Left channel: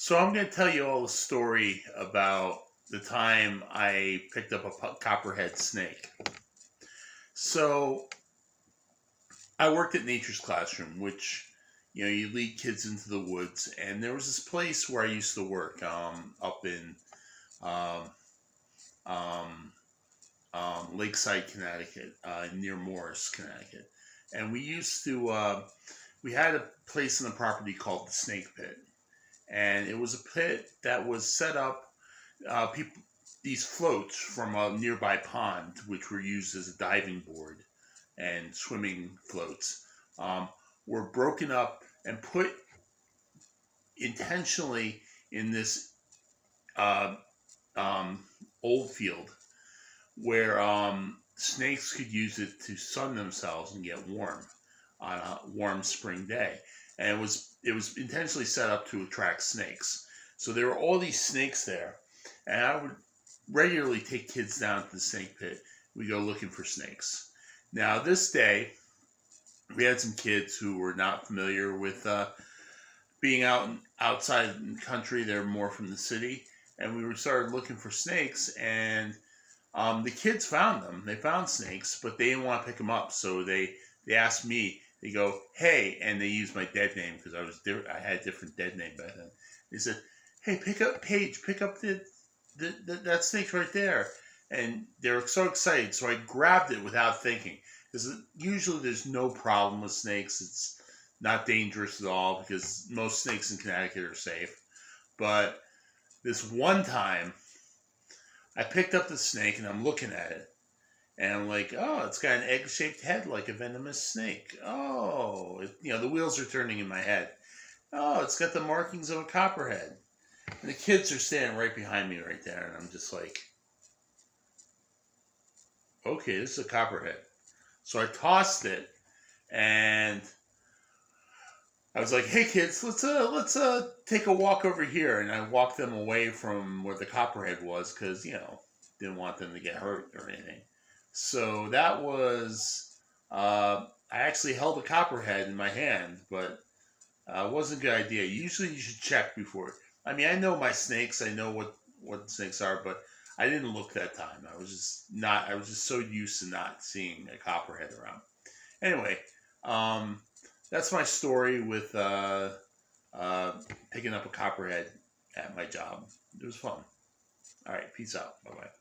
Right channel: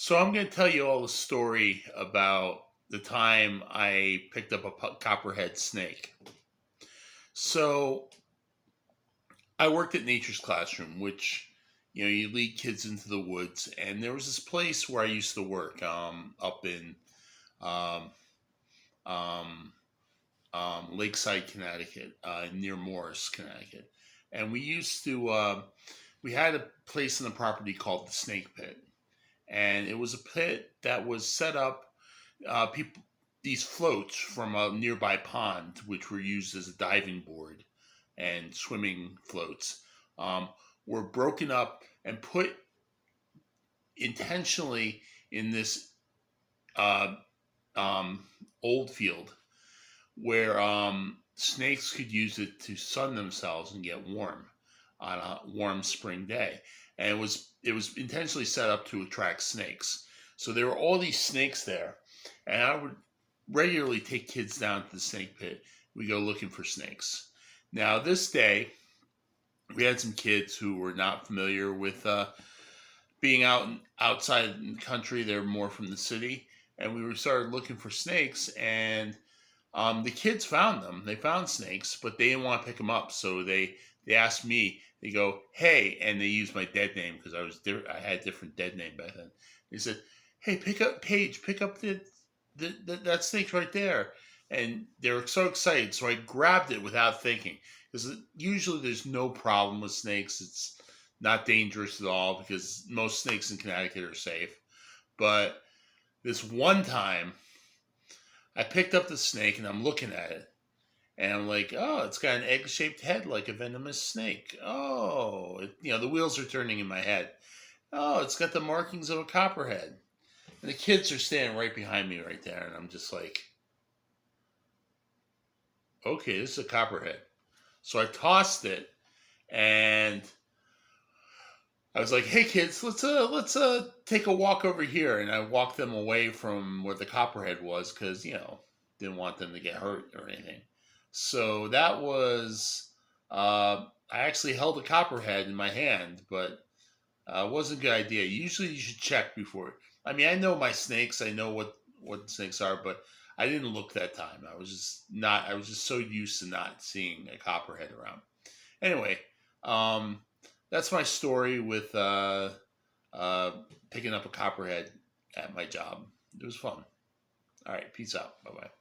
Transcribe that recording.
So I'm going to tell you all a story about the time I picked up a copperhead snake. So I worked at Nature's Classroom, which you lead kids into the woods, and there was this place where I used to work up in um, um, Lakeside, Connecticut, near Morris, Connecticut, and we had a place in the property called the Snake Pit, and it was a pit that was set up. People These floats from a nearby pond, which were used as a diving board and swimming floats, um, were broken up and put intentionally in this uh, um, old field where snakes could use it to sun themselves and get warm on a warm spring day. And it was intentionally set up to attract snakes. So there were all these snakes there, and I would regularly take kids down to the snake pit. We go looking for snakes. Now this day, we had some kids who were not familiar with being outside in the country. They're more from the city, and we started looking for snakes. And the kids found them. They found snakes, but they didn't want to pick them up. So they asked me. They go, "Hey," and they used my dead name because I had a different dead name back then. They said, "Hey, pick up Paige. Pick up that snake right there." And they were so excited. So I grabbed it without thinking. Because usually there's no problem with snakes. It's not dangerous at all because most snakes in Connecticut are safe. But this one time, I picked up the snake and I'm looking at it. And I'm like, oh, it's got an egg-shaped head like a venomous snake. Oh, the wheels are turning in my head. Oh, it's got the markings of a copperhead. And the kids are standing right behind me right there. And I'm just like, okay, this is a copperhead. So I tossed it and I was like, "Hey kids, let's take a walk over here." And I walked them away from where the copperhead was because didn't want them to get hurt or anything. So that was I actually held a copperhead in my hand, but it wasn't a good idea. Usually, you should check before. I mean, I know my snakes. I know what snakes are, but I didn't look that time. I was just not. I was just so used to not seeing a copperhead around. Anyway, um, that's my story with uh, picking up a copperhead at my job. It was fun. All right, peace out. Bye bye.